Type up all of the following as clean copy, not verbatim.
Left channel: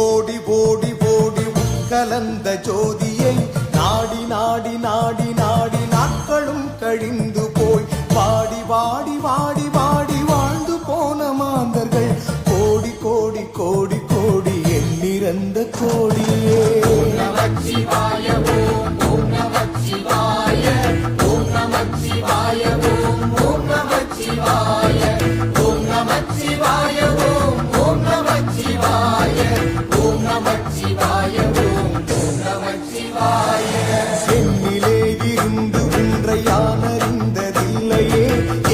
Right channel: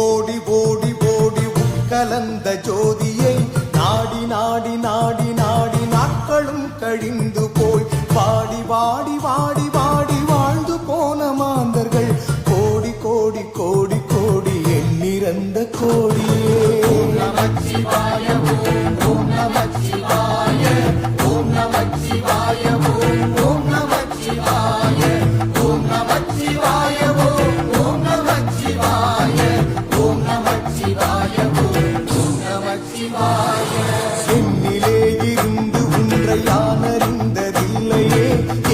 ஓடி ஓடி ஓடி உட்கலந்த ஜோதியை நாடி நாடி நாடி நாடி நாட்களும் கழிந்து போய் வாடி வாடி வாடி வாடி வாழ்ந்து போன மாந்தர்கள் கோடி கோடி கோடி கோடி எண்ணிறந்த கோடியே. என்னிலே இருந்து ஒன்றை யானறிந்ததில்லையே,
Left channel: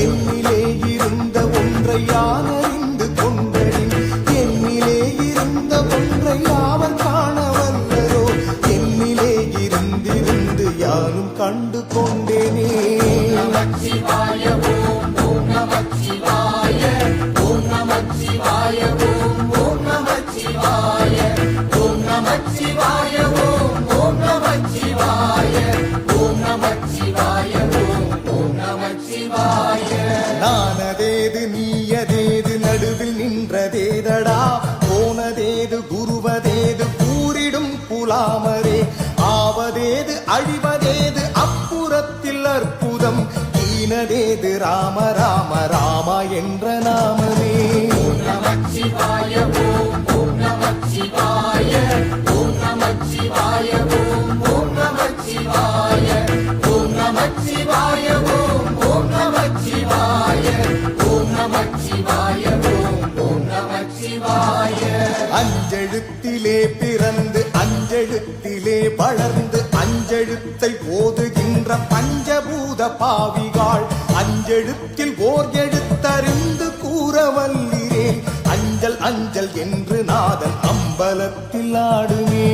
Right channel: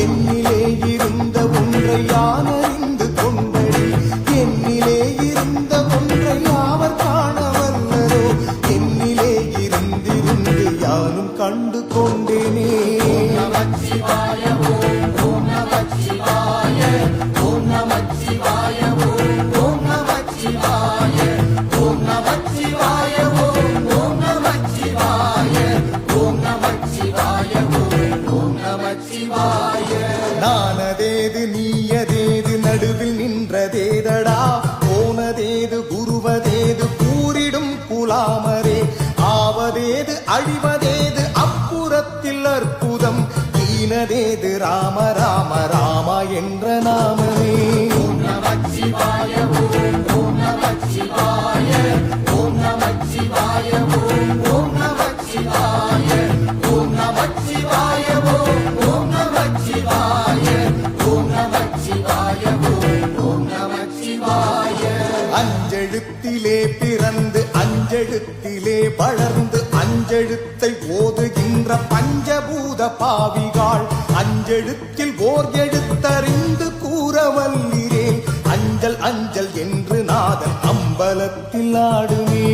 என்னிலே இருந்த ஒன்றை யானறிந்து கொண்டடில், என்னிலே இருந்த ஒன்றை யாவர் காணவல்லரோ, என்னிலே இருந்திருந்து யானும் கண்டு கொண்டேனே. நானதேது நீயதேது நடுவில் நின்றதேதடா, போனதேது குருவதேது கூறிடும் புலாமரே, ஆவதேது அழிவதேது அப்புறத்தில் அற்புதம், ஈனதேது ராம ராம ராமா என்ற நாமமே. அஞ்செழுத்திலே பிறந்து அஞ்செழுத்திலே வளர்ந்து அஞ்செழுத்தை ஓதுகின்ற பஞ்சபூத பாவிகாள், அஞ்செழுத்தில் ஓர் எழுத்தறிந்து கூறவல்லிரேல், அஞ்சல் அஞ்சல் என்று நாதன் அம்பலத்தில் ஆடுமே.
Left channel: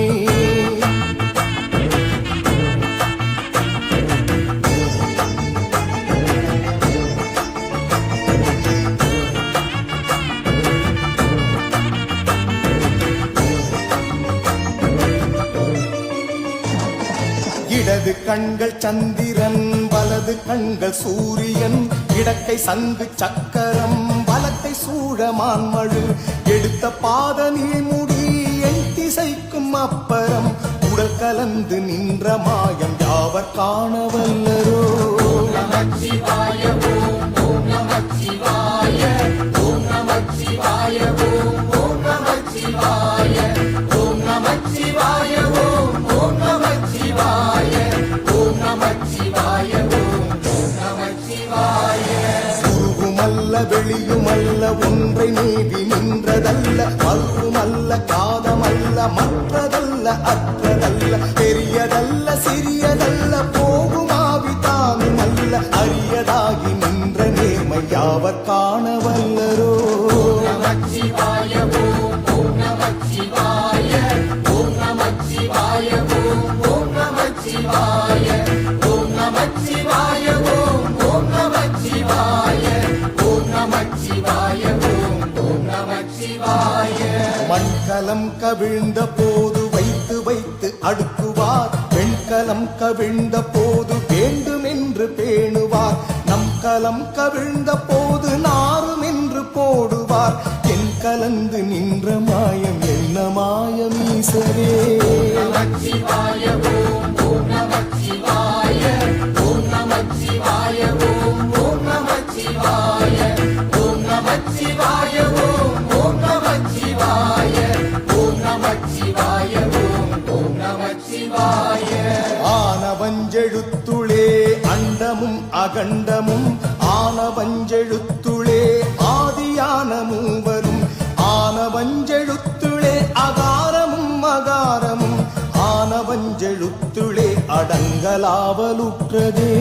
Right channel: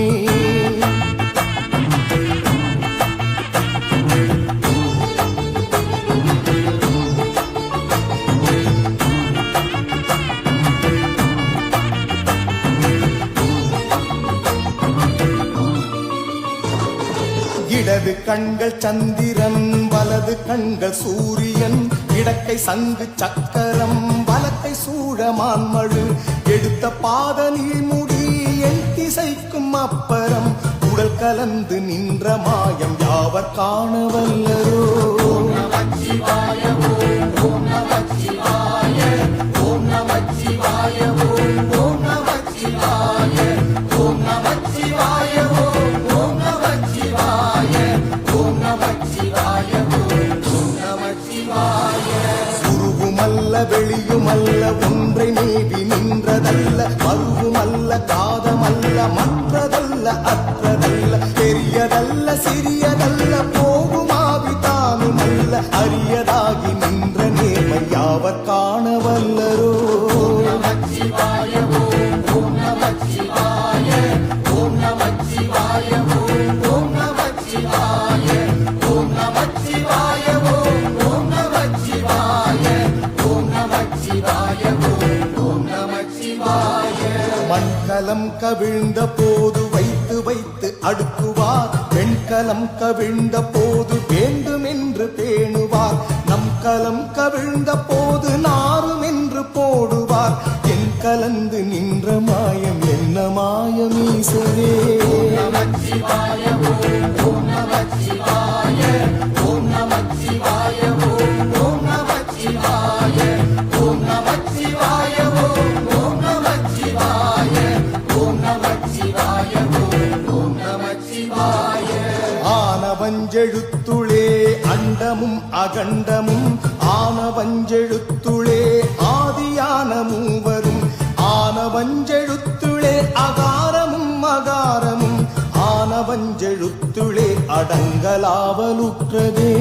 இடது கண்கள் சந்திரன், வலது கண்கள் சூரியன், இடக்கை சங்கு சக்கரம், வலக்கை சூழமான்மழு, எடுத்த பாத நீள்முடி என் திசைக்கும் அப்பரம், உடல் கலந்து நின்ற மாயம் யாவர் காணவல்லரோ. வெளியுமல்ல ஒன்றை மேவி நின்றதல்ல, மறுவுமல்ல காதமல்ல மற்றதல்ல அற்றதல்ல, பெரியதல்ல சிறியதல்ல போகுமாவி தானுமல்ல, அரியதாகி நின்ற நேர்மை யாவர் காணவல்லரோ. மண்கலம் கவிழ்ந்த போது வைத்து வைத்து அடுக்குவார், வெண்கலம் கவிழ்ந்த போது வேண்டுமென்று பேணுவார், நம் கலம் கவிழ்ந்த போது நாரும் என்று போடுவார், என் கலந்து நின்ற மாயம் என்ன மாயம் ஈசரே. ஆனவஞ்செழுத்துளே அண்டமும் அகண்டமும், ஆனவஞ்செழுத்துளே ஆதியான மூவரும், ஆனவஞ்செழுத்துளே அகாரமும் அகாரமும், ஆனவஞ்செழுத்துளே அடங்கலாவலுற்றதே.